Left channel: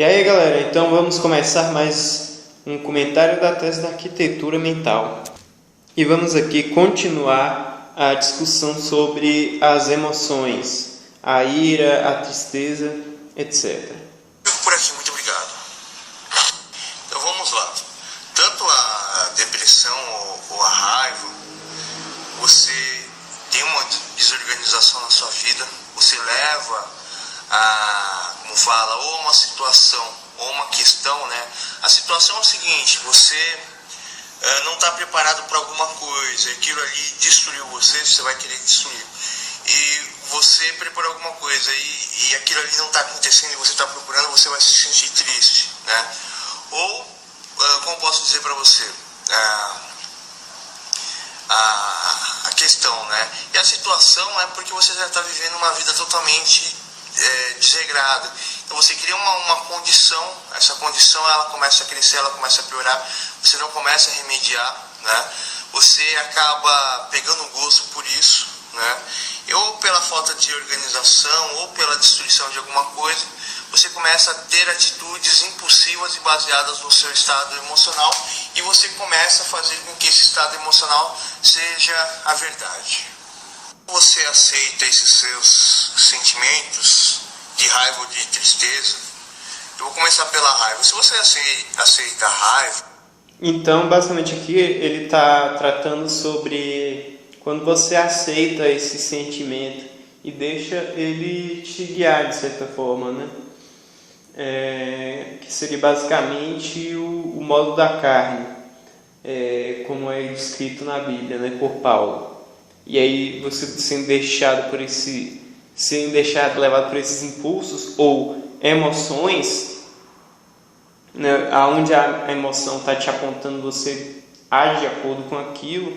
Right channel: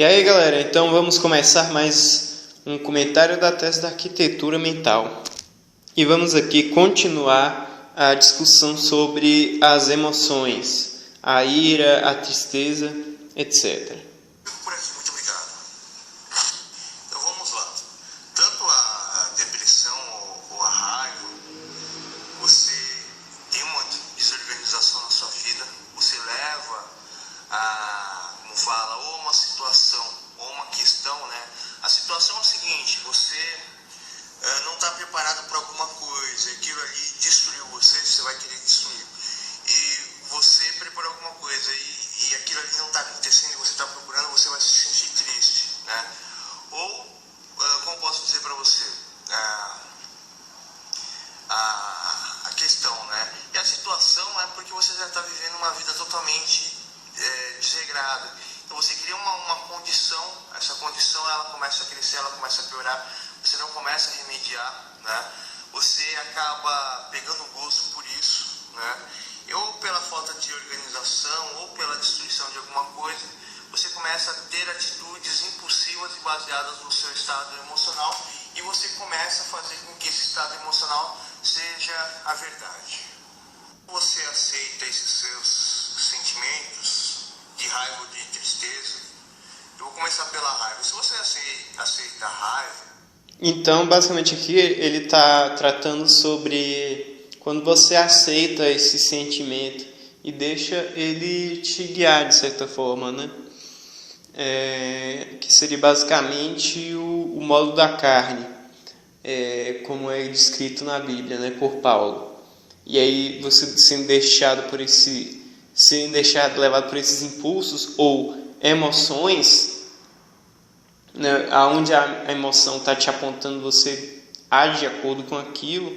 E aí galera, então vamos começar mais um comentário da tese da arquitetura mental. E vamos aqui continuar a discussão sobre as emoções, a ira, a tristeza, etc. Por aqui, muito obrigado. Então vamos lá. Tanto a depressão ou a raiva, você tem uma desorganização na sua vida, você leva ou uma situação, ou uma questão, né? A situação é o seguinte, você não está preparado para alguma coisa, aquilo ali destruiu você vai querer destruir. E você preparou alguma coisa e aquilo ali não está acontecendo e você está procurando, você vai se sentir triste, né? Ou, como posso dizer para você, a questão, né? E a situação é porque você já está vivendo uma vida totalmente desregrada. Então você cria uma condição, essa condição ela começa a crescer, ela começa a piorar, você não começa a remediar, né? Você acaba pegando gosto por isso, né? Ou pela falta de organização, ou pela destruição de alguma coisa, você começa a ter atitudes impulsivas e baseadas no seu estado emocional, e você começa a fazer com que esse estado emocional seja a verdade. Você aceita esses seus sentimentos de raiva ou de tristeza? Eu vou começar pela raiva. Se você aceita a raiva... Então, basicamente aqui ele está tratando sobre quando você aceita esse sentimento e deixa ele te guiar de certa forma, né? Que seria basicamente o modo da carne, como é descrito na Bíblia, né, por Paulo. E aí você sendo levado por esses impulsos ou emoções, né, aonde a emoção está te apontando, você age de acordo com aquilo,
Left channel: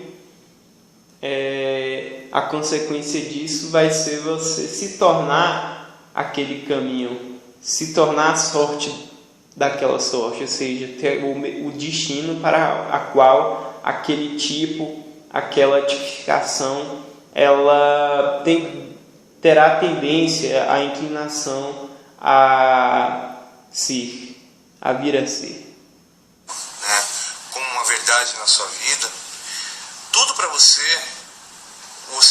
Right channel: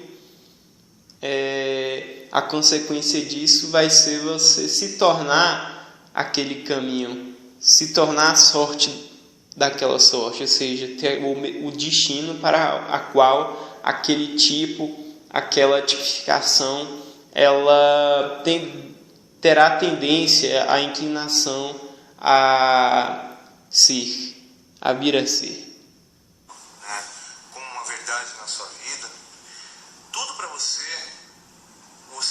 a consequência disso vai ser você se tornar aquele caminho, se tornar a sorte daquela sorte, ou seja, ter o destino para a qual aquele tipo, aquela tipificação, ela terá tendência, a inclinação a vir a ser. Como uma verdade na sua vida, tudo para você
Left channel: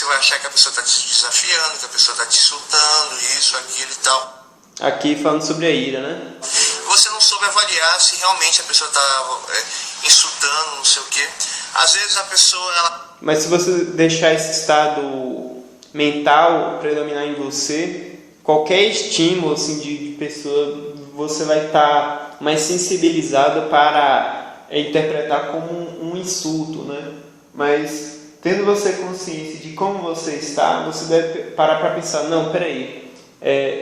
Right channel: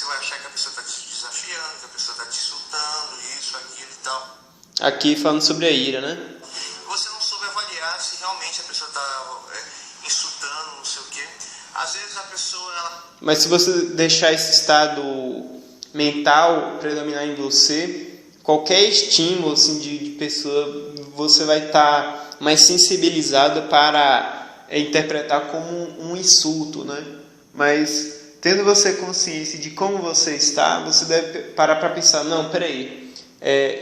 vai achar que a pessoa está te desafiando, que a pessoa está te insultando, isso, aquilo e tal. Aqui falando sobre a ira, né? Você não soube avaliar se realmente a pessoa está insultando, não sei o quê. Às vezes a pessoa, Mas se você deixar esse estado mental predominar em você, qualquer estímulo assim, de pessoa, você vai estar mais sensibilizado para interpretar como um insulto, né? Mas tendo você consciência de como você está, você deve parar para pensar, não, peraí,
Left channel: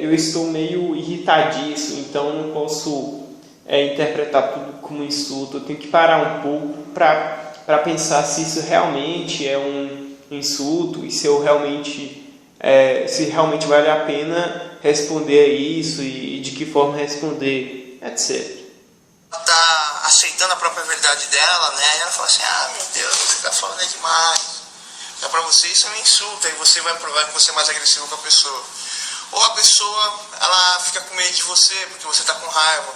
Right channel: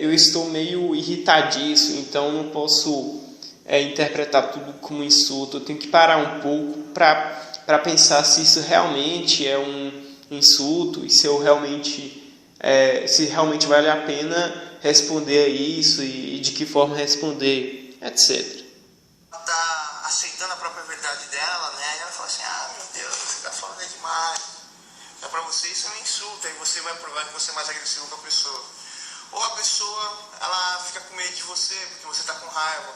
eu estou meio irritadiço, então não posso interpretar tudo como insulto, eu tenho que parar um pouco para pensar se isso realmente é um insulto e se realmente vale a pena responder a isso e de que forma responder, etc. Ela está aceitando a própria verdade dela, né? E ela fala assim, meu Deus, você está falando demais. Já para você isso é um insulto, aí você vai provar que você é mais agressivo com a pessoa. Ou a pessoa, ela fica com medo de você, porque você está com raiva.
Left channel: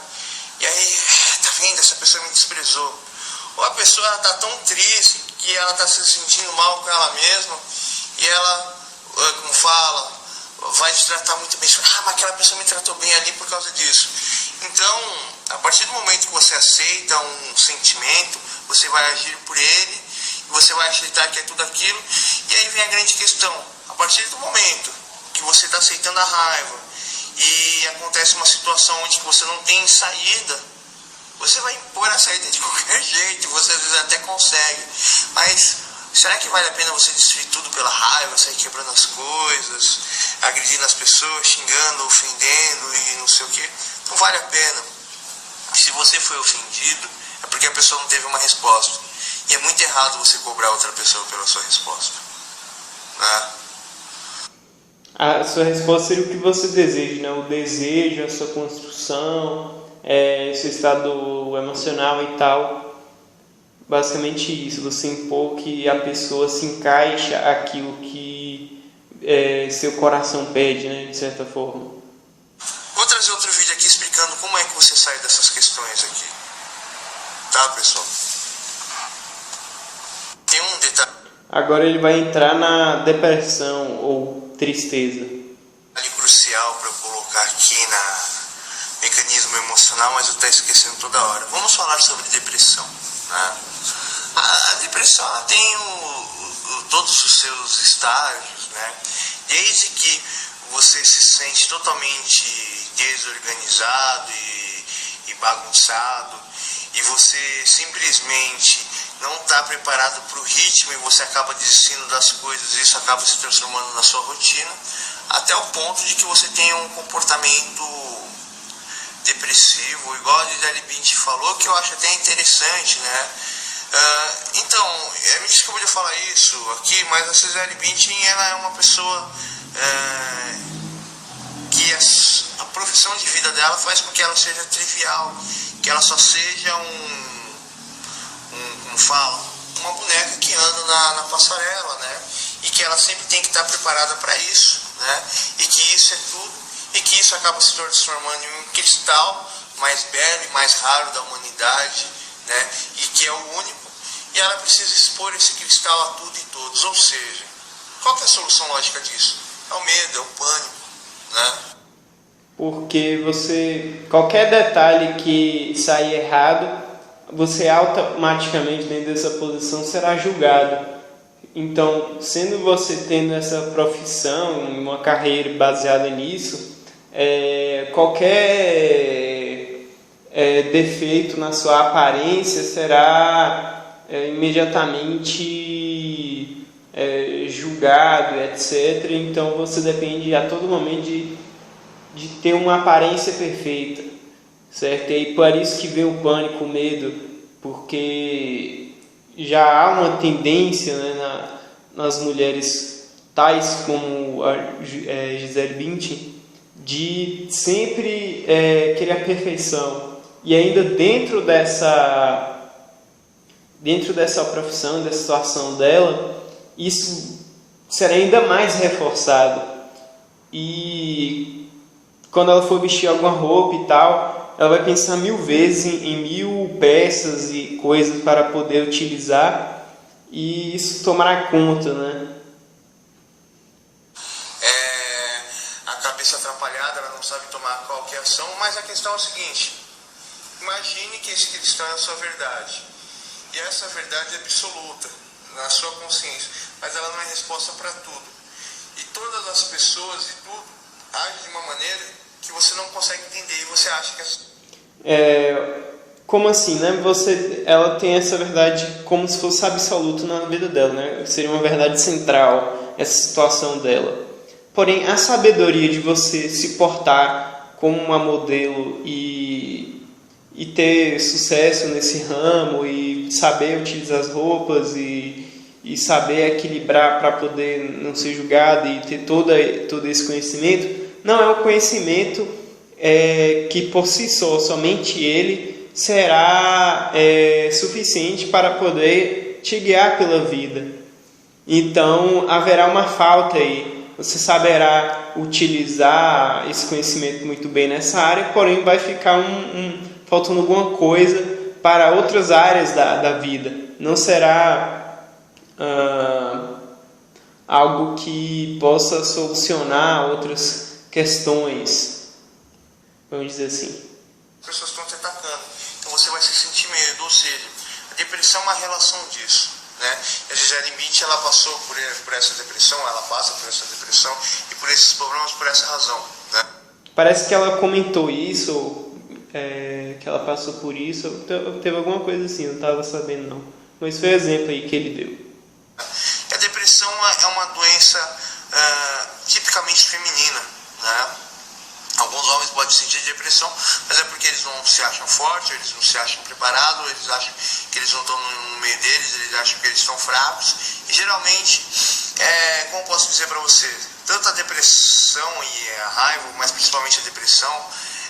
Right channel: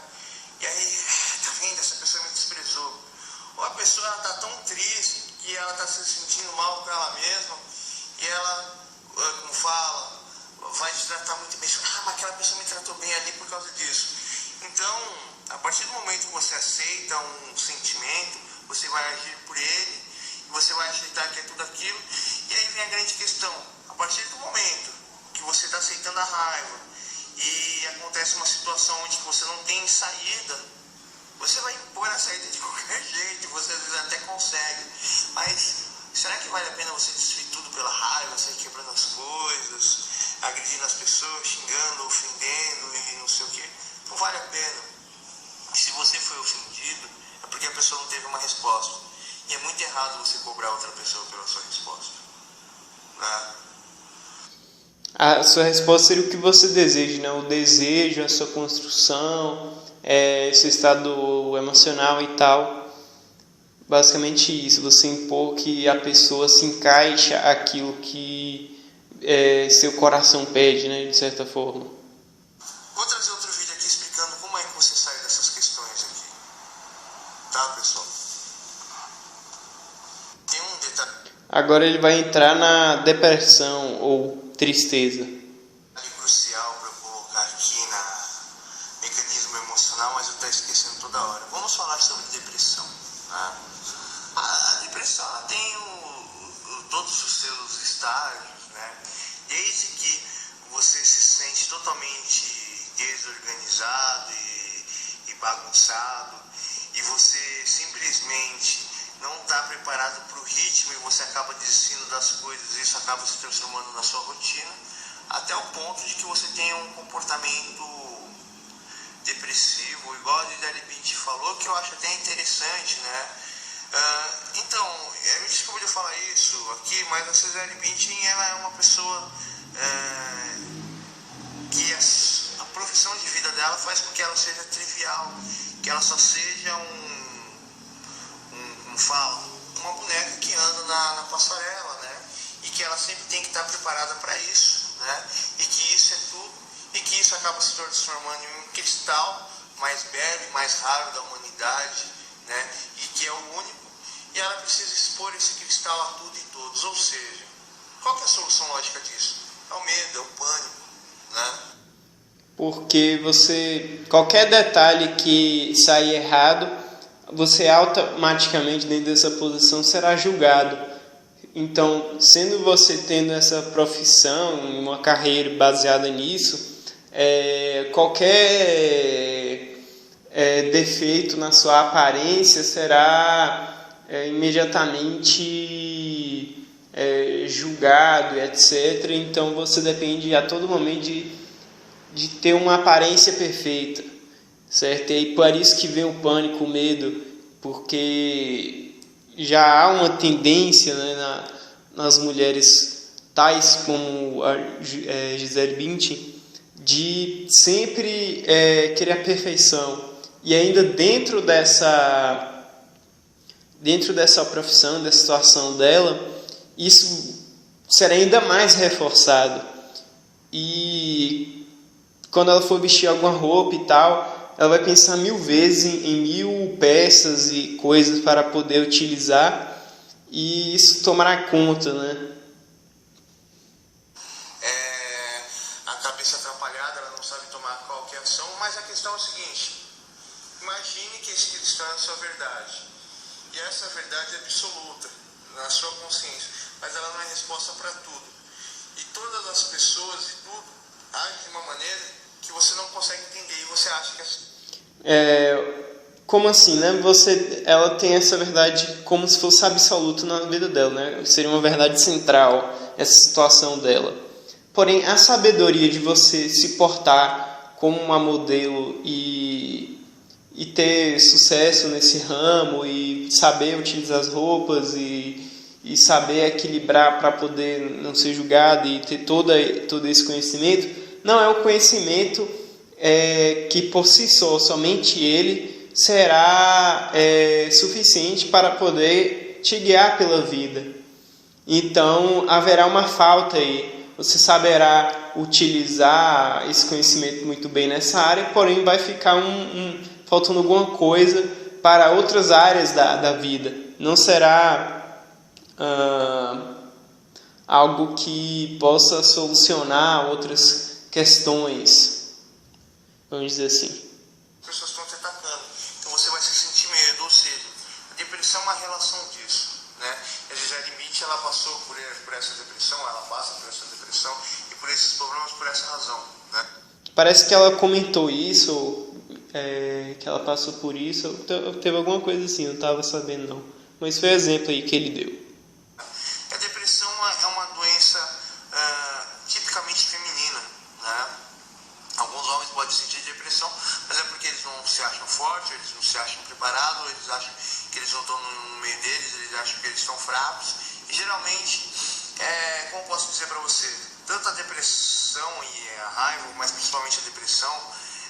E aí, tá vendo, essa pessoa me desprezou. Ou a pessoa está tão triste que ela está se sentindo mal com ela mesma, e ela, como fala, vai te tratar muito bem. Mas aquela pessoa me tratou bem ali por causa disso. Então, a partir do momento que você aceita um sentimento, você vai agir por ele, você vai aceitar que é tudo aquilo, e aí vem a grande questão. A partir do momento que você está aceitando a raiva e acontece uma situação onde você não tem saída, você vai impor a saída de qualquer jeito, você às vezes até consegue, mas será que vale a pena você destruir tudo pela raiva, sair quebrando as coisas, agredindo as pessoas, xingando, ofendendo e não sei o que? Não vale a pena. Se você foi ofendido, é porque a pessoa não teve uma resposta. E é muito errado você cobrar outra pessoa pela sua resposta, né? A sua resposta seria o que você deseja, né? O desejo, a sua construção, seu estado emocional e tal. Basicamente isso, você impor que a pessoa se encaixa aquilo que seu coração pede, né? De certa forma. Vou trazer outro vídeo aqui explicando como é que você sai dessas questões aqui. Tá, pessoal? Tem um detalhe. Agora ele vai entrar na depressão ou tristeza. Crucial para eu colocar aqui na mecanismo emocional, mas eu estou esquecendo toda hora. Vamos falar sobre depressão. Né? A depressão ela tem todos os seus estágios, né? Desde que você se sente totalmente desorganizado e bagunçado e você simplesmente não está preparado para o ritmo e você acaba desistindo das coisas e isso acaba se transformando na sua rotina, até o ponto de que você tenha um comportamento depressivo, igual a Gisele Bündchen falou, que eu acho até interessante, né? Então, me desculpa de falar isso aqui, mas a Gisele Bündchen ela é uma pessoa que a profissão de vida dela faz com que ela seja trivial, que ela só seja como fala, uma boneca que anda na passarela, né? E que ela sempre tem que estar preparada para isso, né? E que isso é tudo, e que isso acaba se transformando em um cristal mais belo e mais raro da humanidade, né? E que é o único, e ela precisa expor esse cristal a tudo e todos, ou seja, qual que é a solução lógica disso? É o medo, é o pânico, né? Porque qualquer detalhe que sair errado, você automaticamente dentro dessa posição será julgado. Então, sendo você tendo essa profissão, uma carreira baseada nisso, qualquer defeito na sua aparência será imediatamente julgado, etc. Então, você depende a todo momento de ter uma aparência perfeita, certo? E por isso que vem o pânico, o medo, porque já há uma tendência, né, nas mulheres tais como a Gisele Bündchen de sempre querer a perfeição, e ainda dentro dessa profissão, dessa situação dela, isso será ainda mais reforçado. E quando ela for vestir alguma roupa e tal, ela vai pensar 1000 vezes em 1000 peças e coisas para poder utilizar, e isso tomará conta, né? A cabeça atrapalhada, ela não sabe tomar qualquer ação, mas a questão é o seguinte: imagine que esse cristão é a sua verdade, e essa verdade é absoluta na sua consciência, mas ela não é resposta para tudo, e todas as pessoas e tudo agem de uma maneira que você não consegue entender, e você acha que como assim, né? Ela tem essa verdade como se fosse absoluta na vida dela, né? Seria uma verdade central essa situação dela. Porém, a sabedoria de você se portar como uma modelo e ter sucesso nesse ramo e saber utilizar as roupas e saber equilibrar para poder não ser julgado e ter todo esse conhecimento, não é um conhecimento que por si só, somente ele será suficiente para poder te guiar pela vida. Então haverá uma falta aí. Você saberá utilizar esse conhecimento muito bem nessa área, porém vai ficar faltando alguma coisa para outras áreas da vida. Não será algo que possa solucionar outras questões, vamos dizer assim. As pessoas estão te atacando, então você vai se sentir medo, ou seja, a depressão é uma relação disso, né? A Gisele Bündchen, ela passou por essa depressão, ela passa por essa depressão e por esses problemas por essa razão, né? Parece que ela comentou isso, que ela passou por isso, teve alguma coisa assim, eu não estava sabendo não, mas foi o exemplo aí que ele deu. A depressão é uma doença tipicamente feminina, né? Alguns homens podem sentir depressão, mas é porque eles não se acham fortes, eles não se acham preparados, eles acham que eles não estão no meio deles, eles acham que eles estão fracos. E geralmente, como posso dizer para você, tanto a depressão e a raiva, mas principalmente a depressão,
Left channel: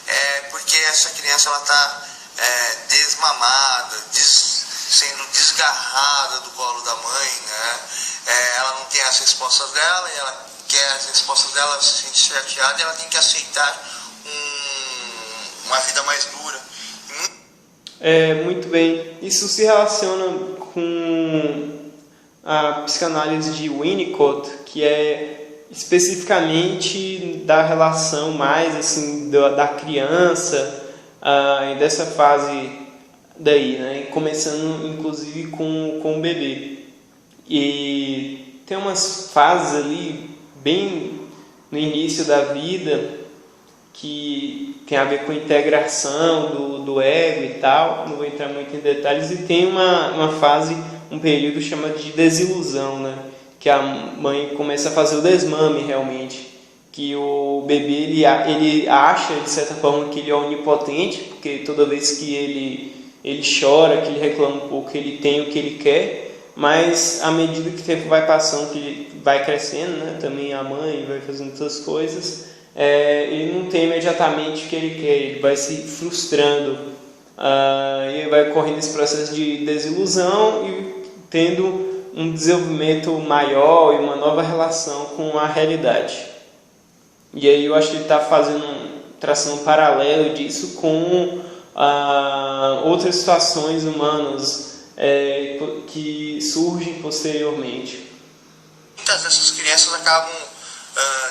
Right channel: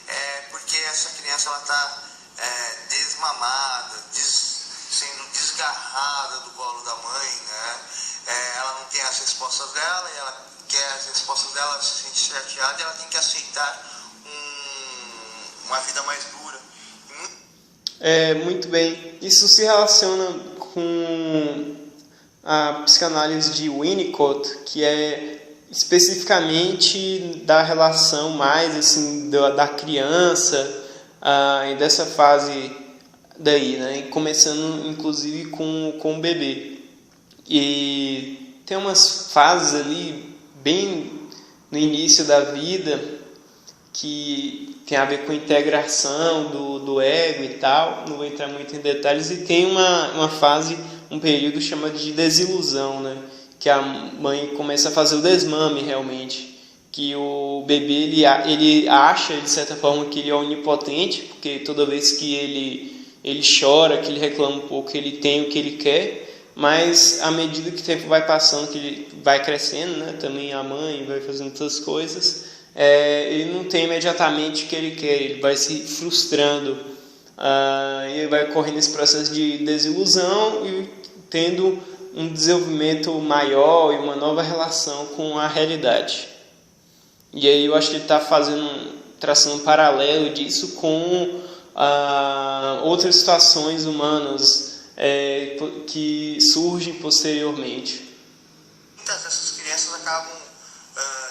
é porque essa criança está desmamada, sendo desgarrada do colo da mãe, né? Ela não tem as respostas dela e ela quer as respostas dela, se sente chateada, e ela tem que aceitar um Muito bem. Isso se relaciona com a psicanálise de Winnicott, que é especificamente da relação mais assim da criança e dessa fase daí, né? Começando inclusive com o bebê. E tem umas fases ali bem no início da vida que tem a ver com a integração do ego e tal, não vou entrar muito em detalhes, e tem uma fase, um período chamado de desilusão, né? Que a mãe começa a fazer o desmame realmente, que o bebê ele acha de certa forma que ele é onipotente, porque toda vez que ele chora, que ele reclama um pouco, ele tem o que ele quer, mas à medida que o tempo vai passando, que ele vai crescendo, né? Também a mãe vai fazendo outras coisas, ele não tem imediatamente o que ele quer, ele vai se frustrando, e ele vai correndo esse processo de desilusão e tendo um desenvolvimento maior e uma nova relação com a realidade. E aí eu acho que ele está traçando um paralelo disso com outras situações humanas que surgem posteriormente. Muitas dessas crianças acabam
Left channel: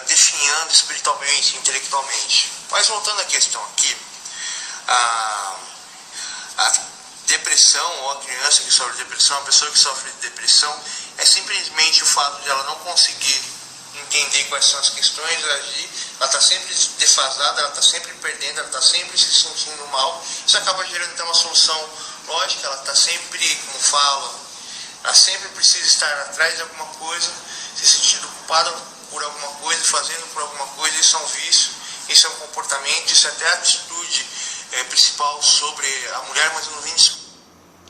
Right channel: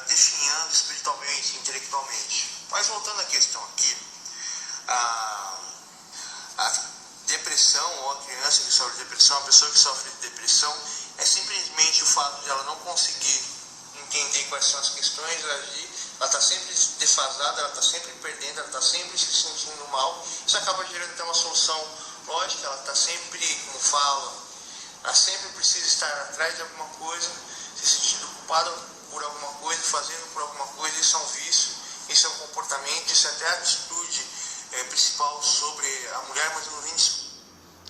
definhando espiritualmente, intelectualmente. Mas voltando à questão aqui, a depressão, ou a criança que sofre de depressão, a pessoa que sofre de depressão, é simplesmente o fato de ela não conseguir entender quais são as questões, ela está sempre defasada, ela está sempre perdendo, ela está sempre se sentindo mal. Isso acaba gerando então uma solução lógica, ela está sempre, como falo, ela sempre precisa estar atrás de alguma coisa, se sentindo ocupada por alguma coisa, fazendo por alguma coisa. Isso é um vício, isso é um comportamento, isso é até a atitude principal sobre a mulher, mas não vem isso.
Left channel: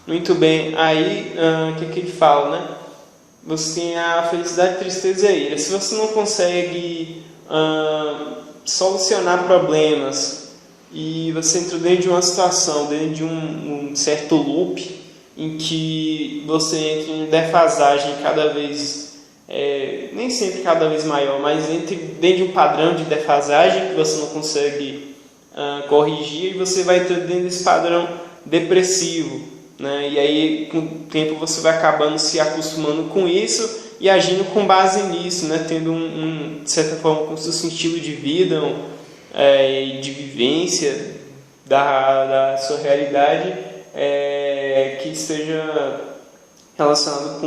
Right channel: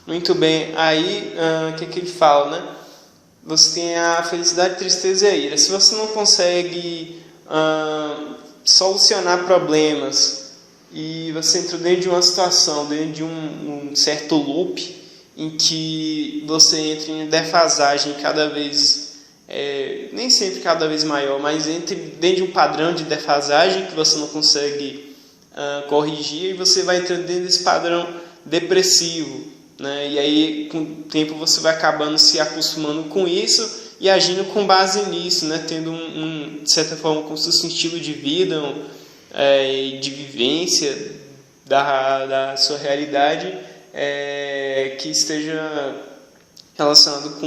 Muito bem, aí o que ele fala, né? Você tem a felicidade, a tristeza e a ira. Se você não consegue solucionar problemas e você entra dentro de uma situação, dentro de um certo loop em que você entra em defasagem cada vez, nem sempre cada vez maior, mas dentro de um padrão de defasagem que você não consegue corrigir, e você vai entrando dentro desse padrão depressivo, né? E aí com o tempo você vai acabando se acostumando com isso e agindo com base nisso, né? Tendo de certa forma com seu sentido de vida, de vivência da sua realidade, que esteja relacionado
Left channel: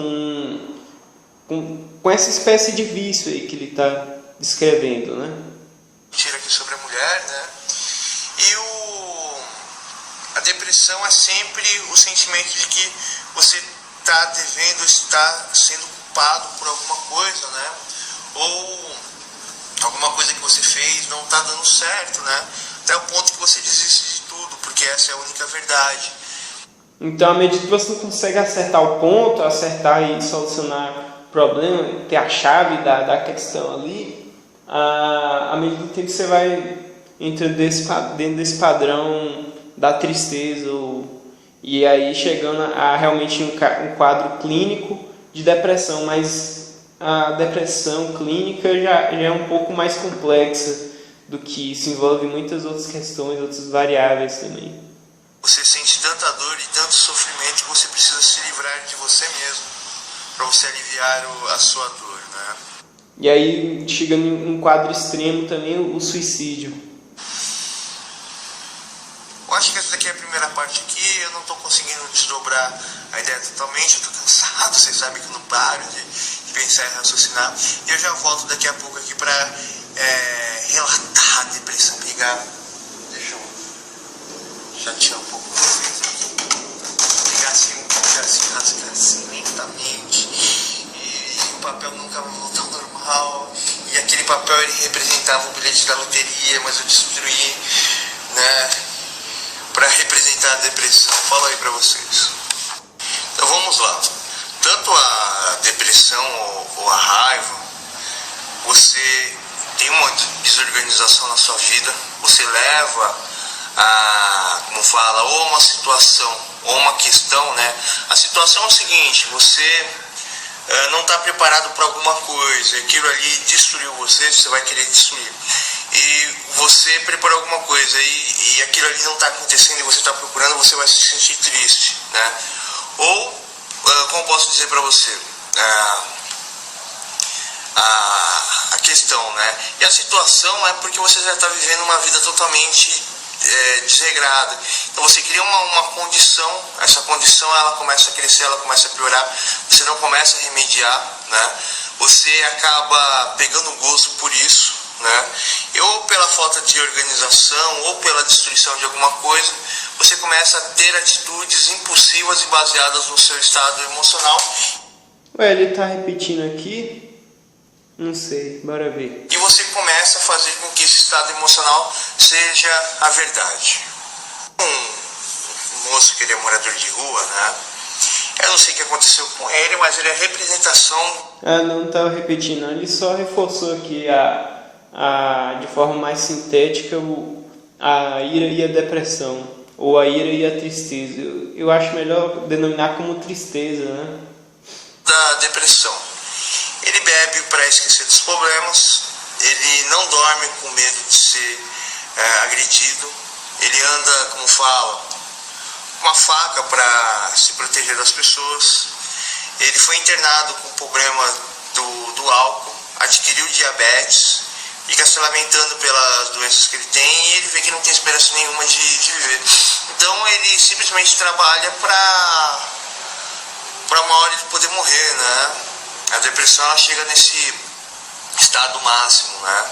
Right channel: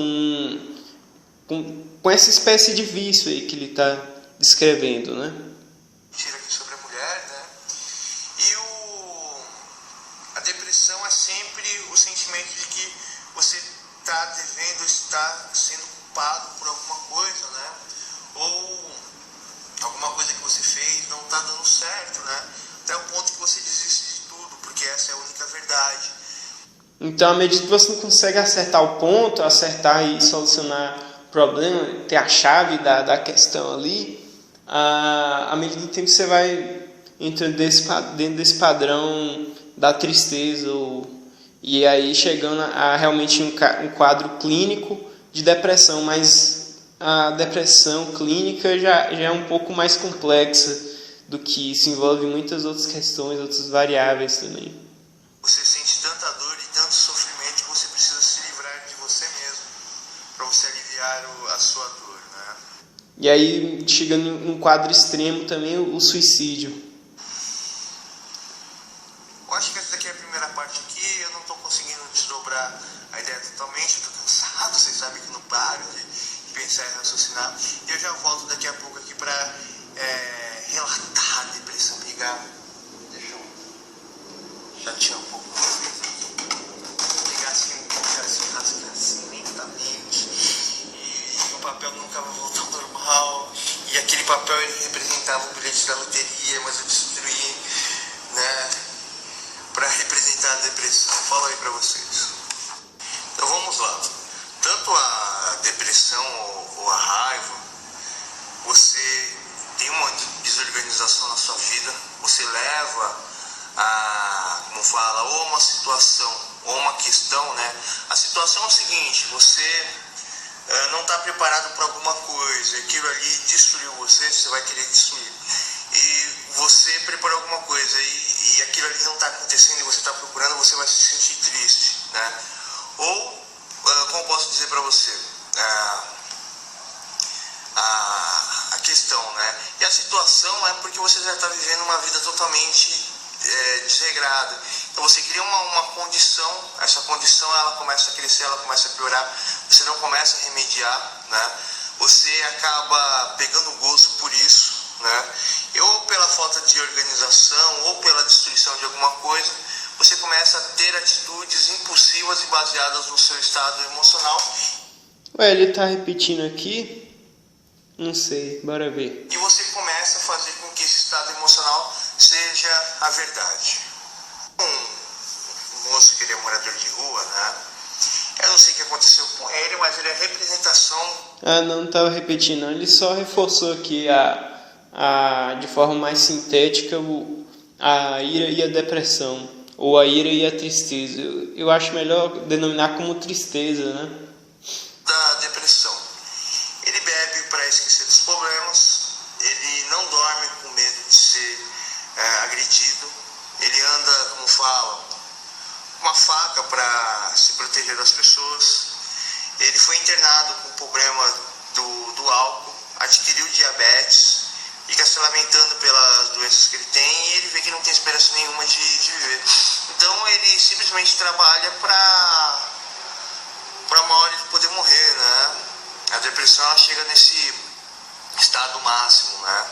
com essa espécie de vício aí que ele está descrevendo, né? Tira aqui sobre a mulher, né? E a depressão é sempre o sentimento de que você está devendo, está sendo culpado por alguma coisa, né? Ou alguma coisa que você fez não está dando certo, né? Até o ponto que você desiste de tudo, porque essa é a única verdade. Então, à medida que você não consegue acertar o ponto, acertar e solucionar o problema, ter a chave da questão ali, à medida do tempo você vai entrando dentro desse padrão da tristeza, e aí chegando a realmente um quadro clínico de depressão, mas a depressão clínica já é um pouco mais complexa do que isso, envolve muitas outras questões, outras variáveis também. Você sente tanta dor e tanto sofrimento que você precisa se livrar de você mesmo para você aliviar a sua dor, né? E aí chega num quadro extremo também o suicídio. Eu acho que essa daqui é a primeira parte aqui, eu não estou conseguindo desdobrar a ideia totalmente, eu estou cansado, vocês sabem que eu não paro de pensar e raciocinar. E eu já volto daqui a pouco aqui para relatar a depressão, pegar, deixa eu chatear um pouco vocês aqui, pegar assim, rasgar assim lentamente, e o papel nunca volta ao normal, e aquele papel ele representava o bilhete da loteria, mas eu destruí, né? Para representar a depressão. Falo aí para vocês. Então vamos lá. Tanto a depressão ou a raiva, você tem uma desorganização na sua vida, você leva como fala, ou uma situação, ou uma questão, né? A situação é o seguinte, você não está preparado para alguma coisa, aquilo ali destruiu você vai querer destruir. E você preparou alguma coisa e e aquilo ali não está acontecendo e você está procurando, você vai se sentir triste, né? Ou, como posso dizer para você, a questão, né? E a situação é porque você já está vivendo uma vida totalmente desregrada. Então você cria uma condição, essa condição ela começa a crescer, ela começa a piorar, você não começa a remediar, né? Você acaba pegando gosto por isso, né? E ou pela falta de organização, ou pela destruição de alguma coisa, você começa a ter atitudes impulsivas e baseadas no seu estado emocional. Ué, ele tá repetindo aqui? Não sei, bora ver. E você começa a fazer com que esse estado emocional seja a verdade. Um moço que ele é morador de rua, né? Eu não sei o que aconteceu com ele, mas ele é representação... Ah, não tá repetindo, não. Ele só reforçou aqui de forma mais sintética a ira e a depressão, ou a ira e a tristeza. Eu acho melhor denominar como tristeza, né? Da depressão. Ele bebe para esquecer dos problemas, ele não dorme com medo de ser agredido, ele anda, como fala, com uma faca para se proteger das pessoas. Ele foi internado com problema do álcool, adquiriu diabetes, fica se lamentando pelas doenças que ele tem e ele vê que não tem esperança nenhuma de viver. Então ele simplesmente trabalha para uma hora ele poder morrer, né? A depressão ela chega nesse estado máximo, né?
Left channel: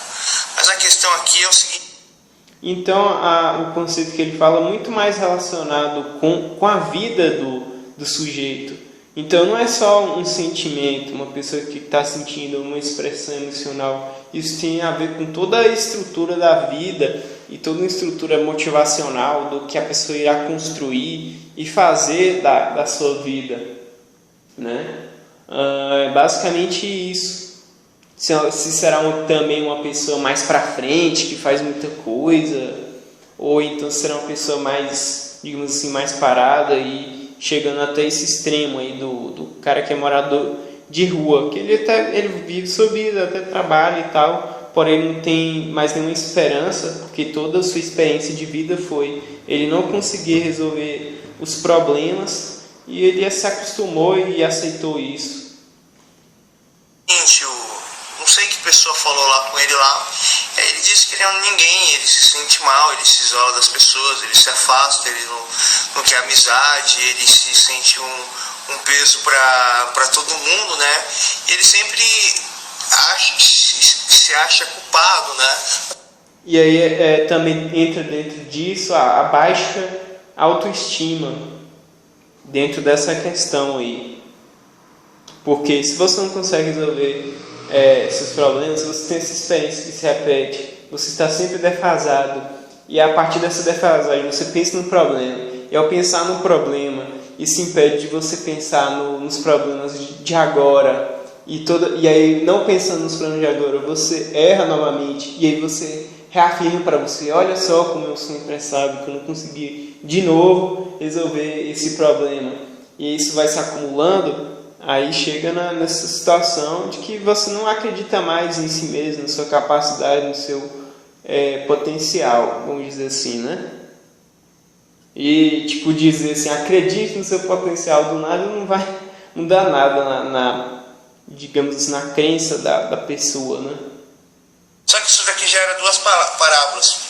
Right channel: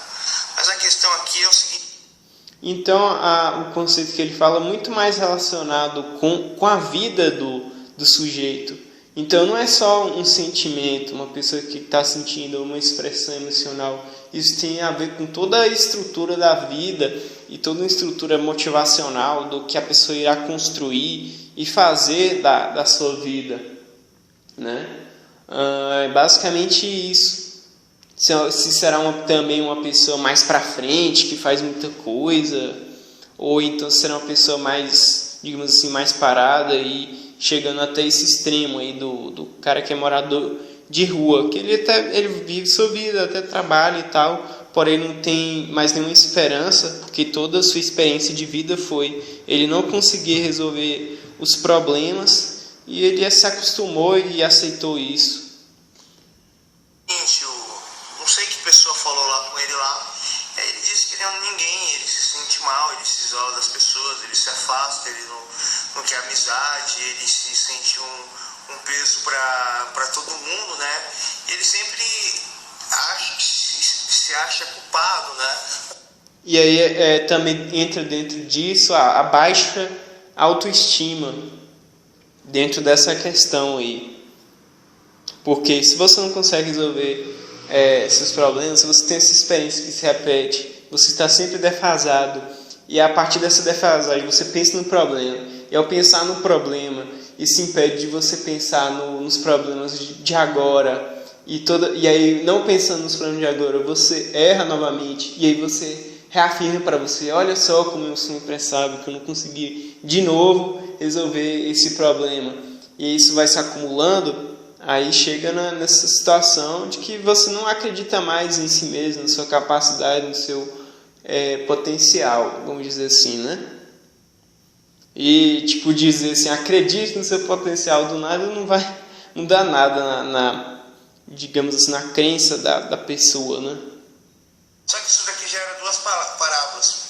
Mas a questão aqui é o seguinte. Então o conceito que ele fala é muito mais relacionado com a vida do sujeito. Então não é só um sentimento, uma pessoa que está sentindo uma expressão emocional. Isso tem a ver com toda a estrutura da vida e toda a estrutura motivacional do que a pessoa irá construir e fazer da sua vida, né? É basicamente isso. Se será também uma pessoa mais para frente, que faz muita coisa, ou então será uma pessoa mais, digamos assim, mais parada e chegando até esse extremo aí do cara que é morador de rua, que ele vive sua vida, até trabalha e tal, porém não tem mais nenhuma esperança, porque toda a sua experiência de vida foi ele não conseguir resolver os problemas e ele se acostumou e aceitou isso. Não sei que pessoa falou lá com ele lá, ele disse que ele é um ninguém, ele se sente mal, ele se isola das pessoas, ele se afasta, ele não quer amizade, ele se sente um peso para todo mundo, né? E ele sempre se acha culpado, né? E aí também entra dentro disso a baixa autoestima, dentro dessa questão aí. Porque se você não consegue resolver seus problemas, se você tem essa experiência que se repete, você está sempre defasado, e a partir dessa defasagem você pensa no problema, e ao pensar no problema, isso impede de você pensar nos problemas de agora, e aí não pensando nos problemas de agora, você erra novamente, e aí você reafirma para você, olha só como eu sou impressável, que eu não consegui de novo resolver esse problema, e isso vai se acumulando. Aí chega nessa situação de que você não acredita mais em si mesmo, na sua capacidade, no seu potencial, vamos dizer assim, né? E tipo dizer assim, acredite no seu potencial, do nada não vai mudar nada digamos assim, na crença da pessoa, né? Só que isso daqui já era duas parábolas.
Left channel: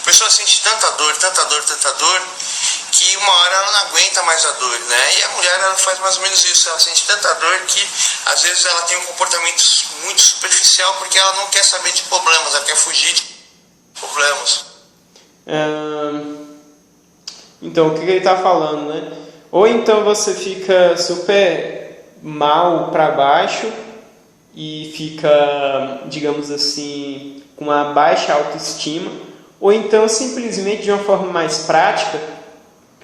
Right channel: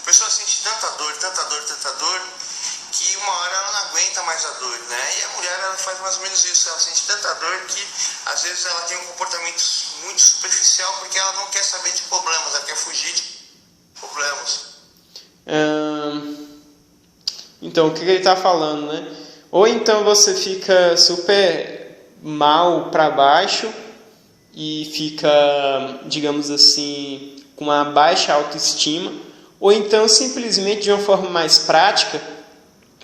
A pessoa sente tanta dor, que uma hora ela não aguenta mais a dor, né? E a mulher ela faz mais ou menos isso, ela sente tanta dor que às vezes ela tem um comportamento muito superficial porque ela não quer saber de problemas, ela quer fugir de problemas. Então, o que ele está falando, né? Ou então você fica super mal para baixo e fica, digamos assim, com uma baixa autoestima, ou então simplesmente de uma forma mais prática,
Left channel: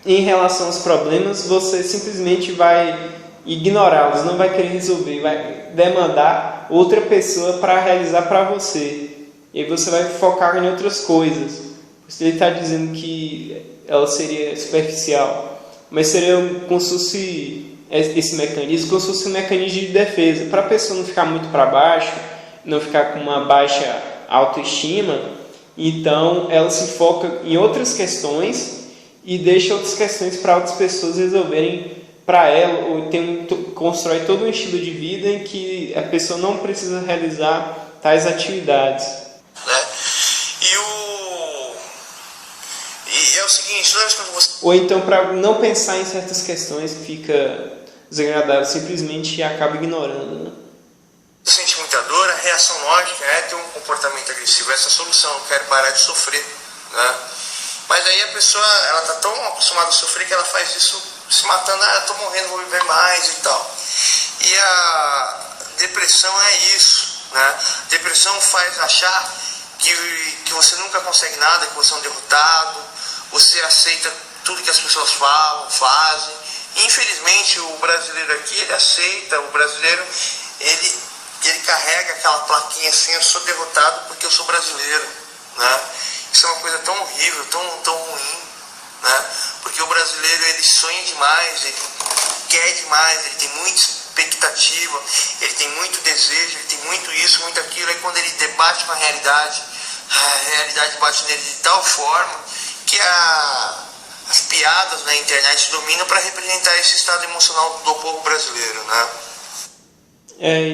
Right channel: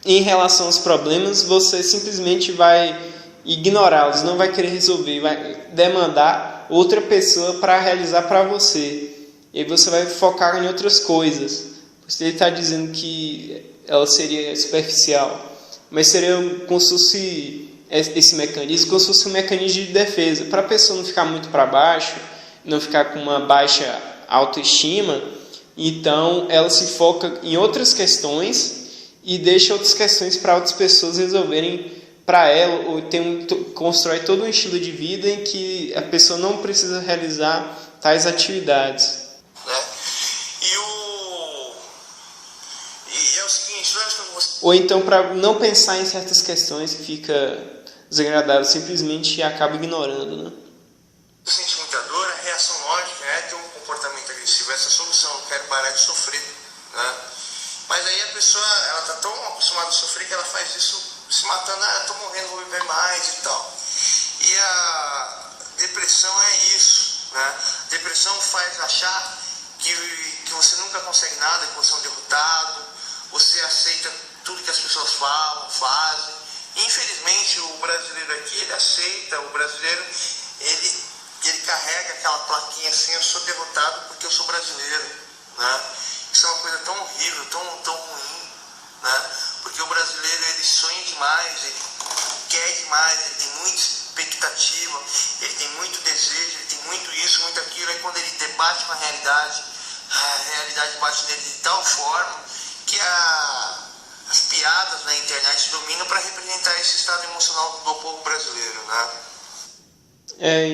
em relação aos problemas, você simplesmente vai ignorá-los, não vai querer resolver, vai demandar outra pessoa para realizar para você. E aí você vai focar em outras coisas. Ele está dizendo que ela seria superficial, mas seria como se fosse esse mecanismo, como se fosse um mecanismo de defesa, para a pessoa não ficar muito para baixo, não ficar com uma baixa autoestima, Então ela se foca em outras questões e deixa outras questões para outras pessoas resolverem para ela, ou constrói todo um estilo de vida em que a pessoa não precisa realizar tais atividades. Né? E é o seguinte, toda vez que você... Ou então, para não pensar em certas questões que fica desagradável, simplesmente acaba ignorando, né? Sente muita dor, a reação lógica é ter um comportamento agressivo. Essa é a solução, eu quero parar de sofrer, né? Mas aí a pessoa, ela está tão acostumada a sofrer que ela faz isso se matando, eu estou morrendo, vou viver mais e tal. E a depressão é isso, né? Depressão faz achar que você nunca consegue nada, que você é um derrotado, você aceita tudo que as pessoas falam, fazem. Infelizmente o brasileiro aqui, ele aceita, o brasileiro, ele carrega aquela plaquinha assim, eu sou derrotado porque eu sou brasileiro, né? Isso é uma coisa tão horrível, tão ruim, né? Porque o brasileiro, ele sonha demais, ele quer demais, ele tem muita expectativa, ele tem muito desejo, ele tem muito isso, muito aquilo, e quando ele debate com a realidade bate nele de tal forma que as piadas na internet dominam para representar esse estado emocional do povo brasileiro, né?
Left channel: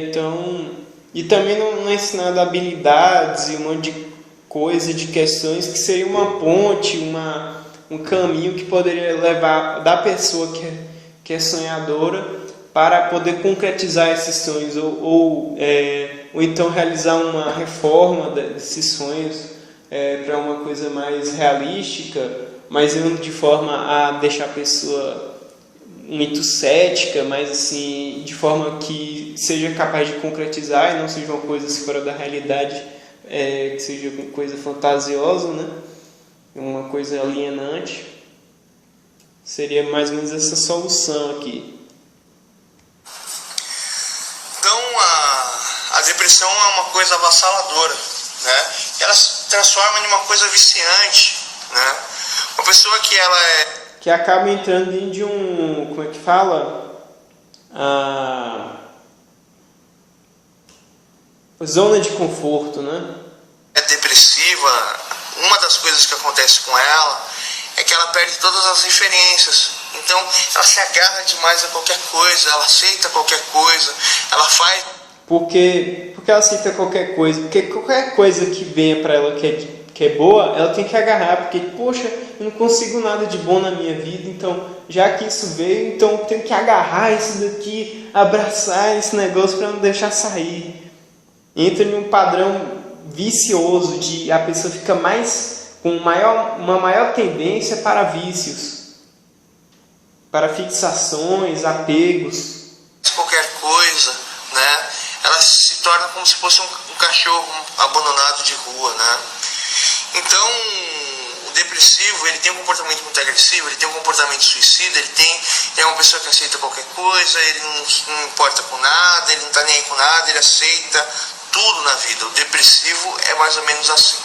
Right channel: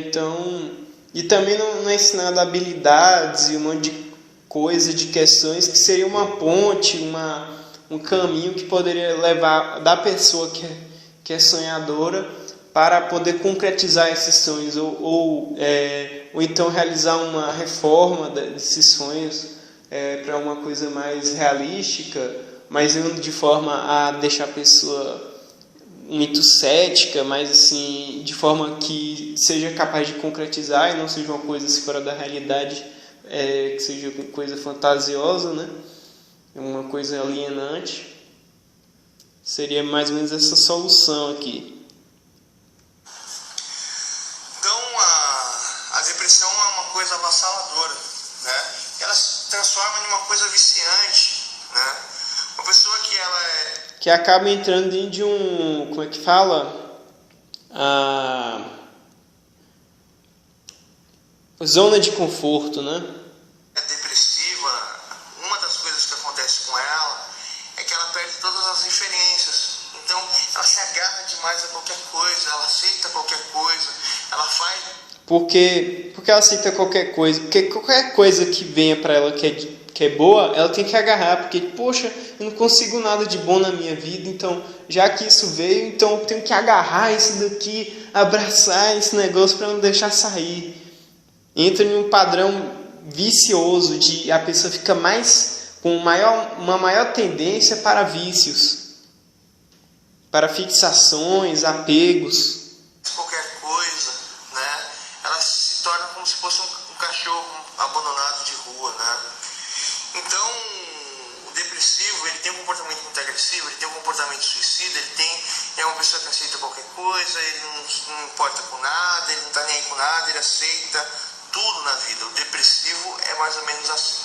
Então, e também não é ensinado habilidades e um monte de coisa, de questões que seria uma ponte, um caminho que poderia levar da pessoa que é sonhadora para poder concretizar esses sonhos ou então realizar uma reforma desses sonhos para uma coisa mais realística, mas não de forma a deixar a pessoa muito cética, mas assim, de forma que seja capaz de concretizar e não seja uma coisa fora da realidade, que seja uma coisa fantasiosa, né? Uma coisa alienante. Seria mais ou menos essa solução aqui. Então a depressão é uma coisa avassaladora, né? Ela se transforma em uma coisa viciante, né? Uma pessoa que ela que acaba entrando em de um, como é que fala? Zona de conforto, né? É depressiva, uma das coisas que acontece com ela é que ela perde todas as referências. Então ela se agarra demais a qualquer coisa, ela aceita qualquer coisa, ela faz... Por que ela aceita qualquer coisa? Porque qualquer coisa que venha para ela que é boa, ela tem que agarrar, porque, poxa, eu não consigo nada de bom na minha vida, então, já que isso veio, então eu tenho que agarrar isso daqui, abraçar esse negócio para não deixar sair. Entra em um padrão vicioso de a pessoa fica com uma maior tendência para vícios, para fixações, apegos. Qualquer coisa, né? Ela se torna como se fosse um cachorro abandonado de rua, né? Então, o depressivo, ele tem um comportamento muito agressivo, ele tem um comportamento suicida, ele é uma pessoa que aceita qualquer coisa, ele não importa com nada, ele não está nem aí com nada, ele aceita tudo na vida. O depressivo é mais ou menos assim.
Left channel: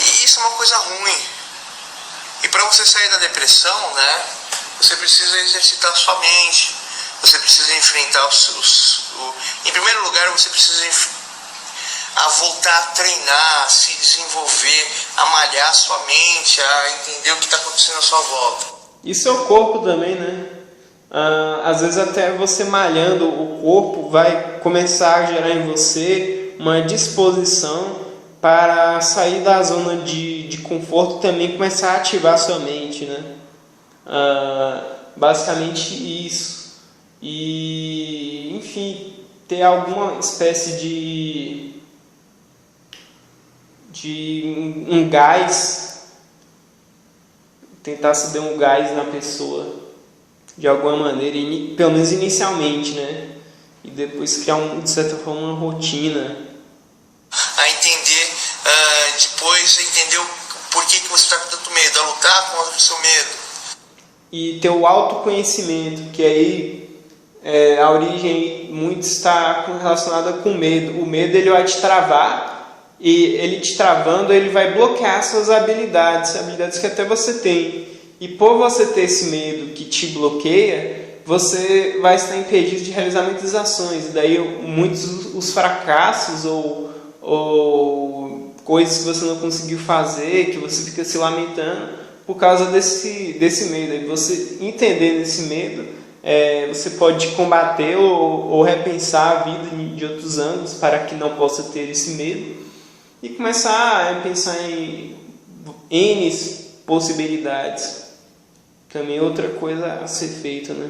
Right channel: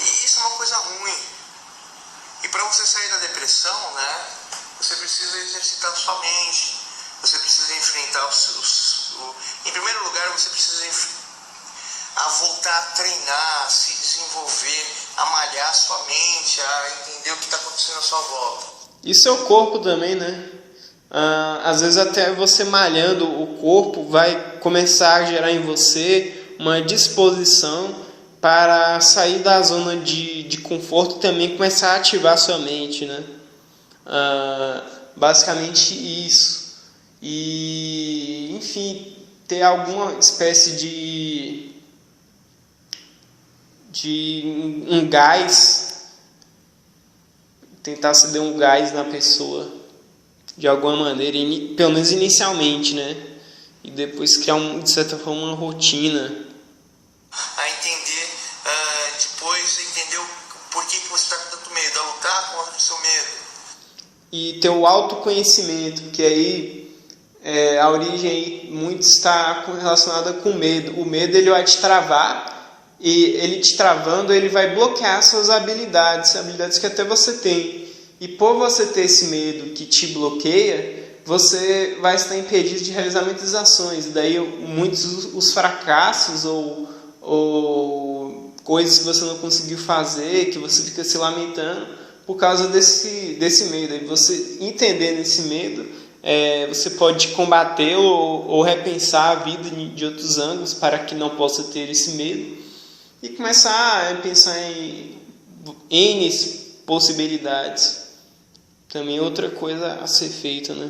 E isso é uma coisa ruim. E para você sair da depressão, né, você precisa exercitar a sua mente, você precisa enfrentar em primeiro lugar, você precisa voltar a treinar, a se desenvolver, a malhar a sua mente, a entender o que está acontecendo à sua volta. Isso é o corpo também, né? Às vezes até você malhando o corpo vai começar a gerar em você uma disposição para sair da zona de conforto e também começar a ativar a sua mente, né? Basicamente isso. E, enfim, ter alguma espécie de um gás, tentar ceder um gás na pessoa de alguma maneira, pelo menos inicialmente, né? E depois criar, de certa forma, uma rotina. A entender, depois entender por que você está com tanto medo, a lutar contra o seu medo. E ter o autoconhecimento, que aí a origem aí muito está relacionada com o medo. O medo, ele vai te travar, e ele te travando, ele vai bloquear suas habilidades que até você tem. E por você ter esse medo que te bloqueia, você vai estar impedido de realizar muitas ações. Daí muitos os fracassos ou coisas que você não conseguiu fazer, que você fica se lamentando por causa desse medo. E você entendendo esse medo, você pode combater ou repensar a vida de outros ângulos para que não possa ter esse medo e começar a pensar em N possibilidades. Também outra coisa a ser feita, né?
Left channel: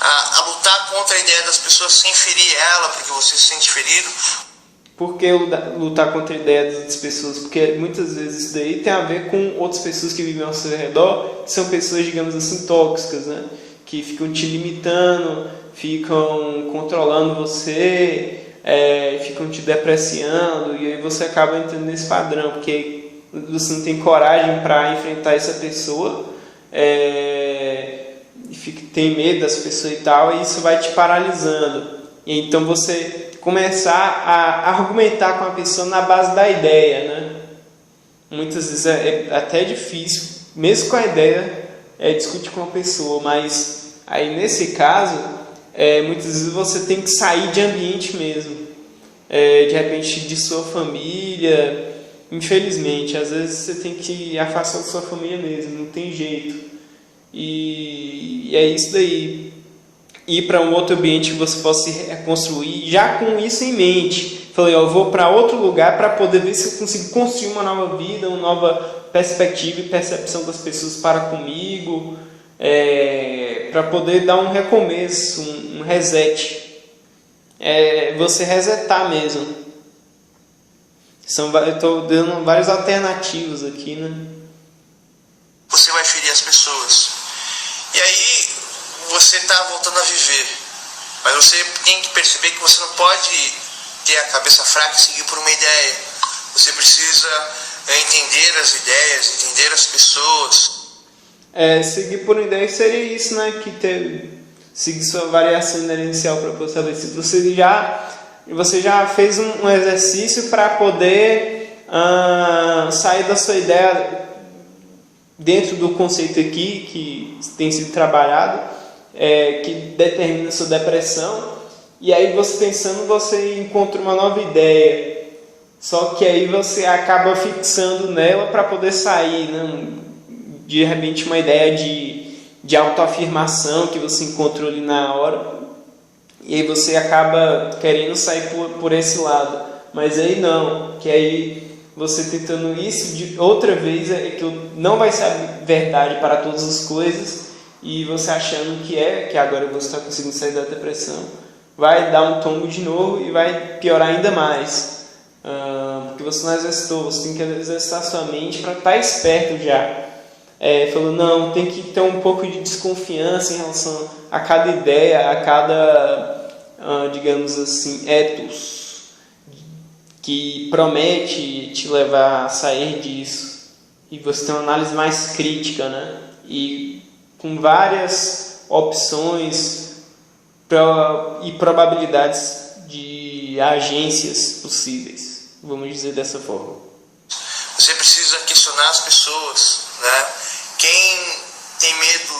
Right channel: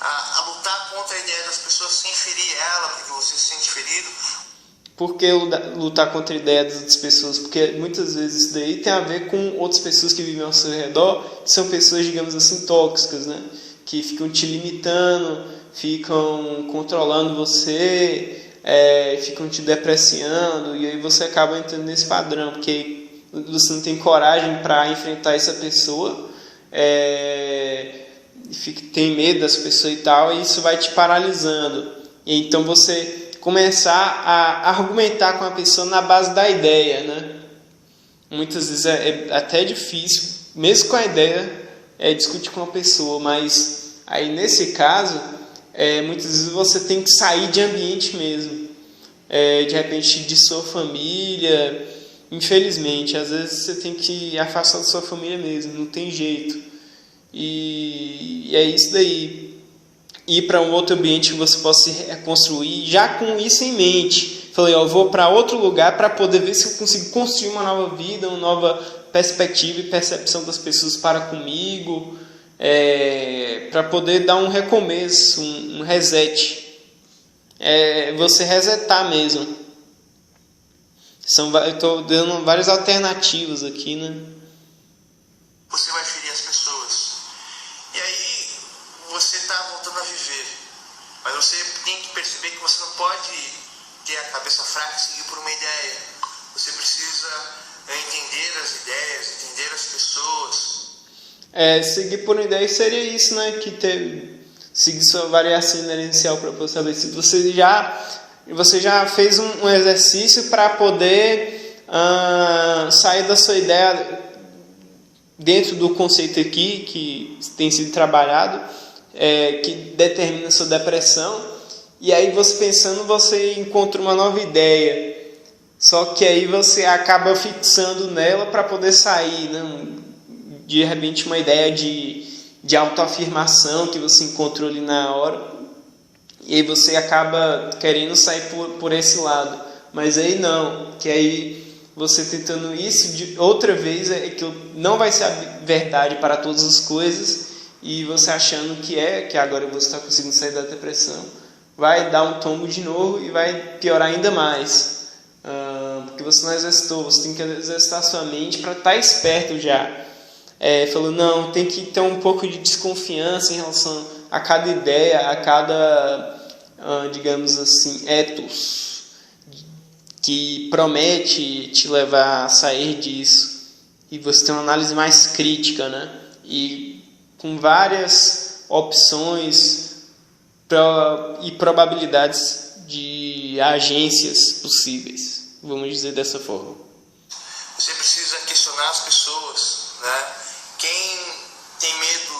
A lutar contra a ideia das pessoas sem ferir ela, porque você se sente ferido. Por que lutar contra a ideia das outras pessoas? Porque muitas vezes isso daí tem a ver com outras pessoas que vivem ao seu redor, que são pessoas, digamos assim, tóxicas, né? Que ficam te limitando, ficam controlando você, ficam te depreciando, e aí você acaba entrando nesse padrão, porque você não tem coragem para enfrentar essa pessoa, tem medo dessa pessoa e tal, e isso vai te paralisando. E então você começar a argumentar com a pessoa na base da ideia, né? Muitas vezes é até difícil, mesmo com a ideia, discutir com a pessoa, mas aí nesse caso, muitas vezes você tem que sair de ambiente mesmo, de repente de sua família, infelizmente, às vezes você tem que afastar da sua família mesmo, não tem jeito, e é isso daí. Ir para um outro ambiente que você possa se reconstruir, já com isso em mente. Falei, eu vou para outro lugar para poder ver se eu consigo construir uma nova vida, uma nova perspectiva e percepção das pessoas para comigo, para poder dar um recomeço, um reset. Você resetar mesmo. Eu estou dando várias alternativas aqui, né? Você vai ferir as pessoas. E aí você está voltando a viver, mas você tem que perceber que você não pode ter a cabeça fraca e seguir por uma ideia. Você precisa entender as ideias, entender as pessoas. Seguir por uma ideia seria isso, né? Seguir sua variação inercial para você estabelecer. Você já fez um exercício para poder sair da sua ideia dentro do conceito aqui que tem sido trabalhado. Que determina sua depressão, e aí você pensando, você encontra uma nova ideia, só que aí você acaba fixando nela para poder sair, né? De repente uma ideia de autoafirmação que você encontrou ali na hora, e aí você acaba querendo sair por esse lado, mas aí não, que aí você tentando isso de outra vez, que não vai ser a verdade para todas as coisas, e você achando que agora você está conseguindo sair da depressão, vai dar um tombo de novo e vai piorar ainda mais. Porque você não exercitou, você tem que exercitar sua mente para estar esperto já. Falando, não, tem que ter um pouco de desconfiança em relação a cada ideia, a cada, digamos assim, ethos que promete te levar a sair disso. E você tem uma análise mais crítica, né? E com várias opções e probabilidades de agências possíveis, vamos dizer dessa forma. Você precisa questionar as pessoas, né? Quem tem medo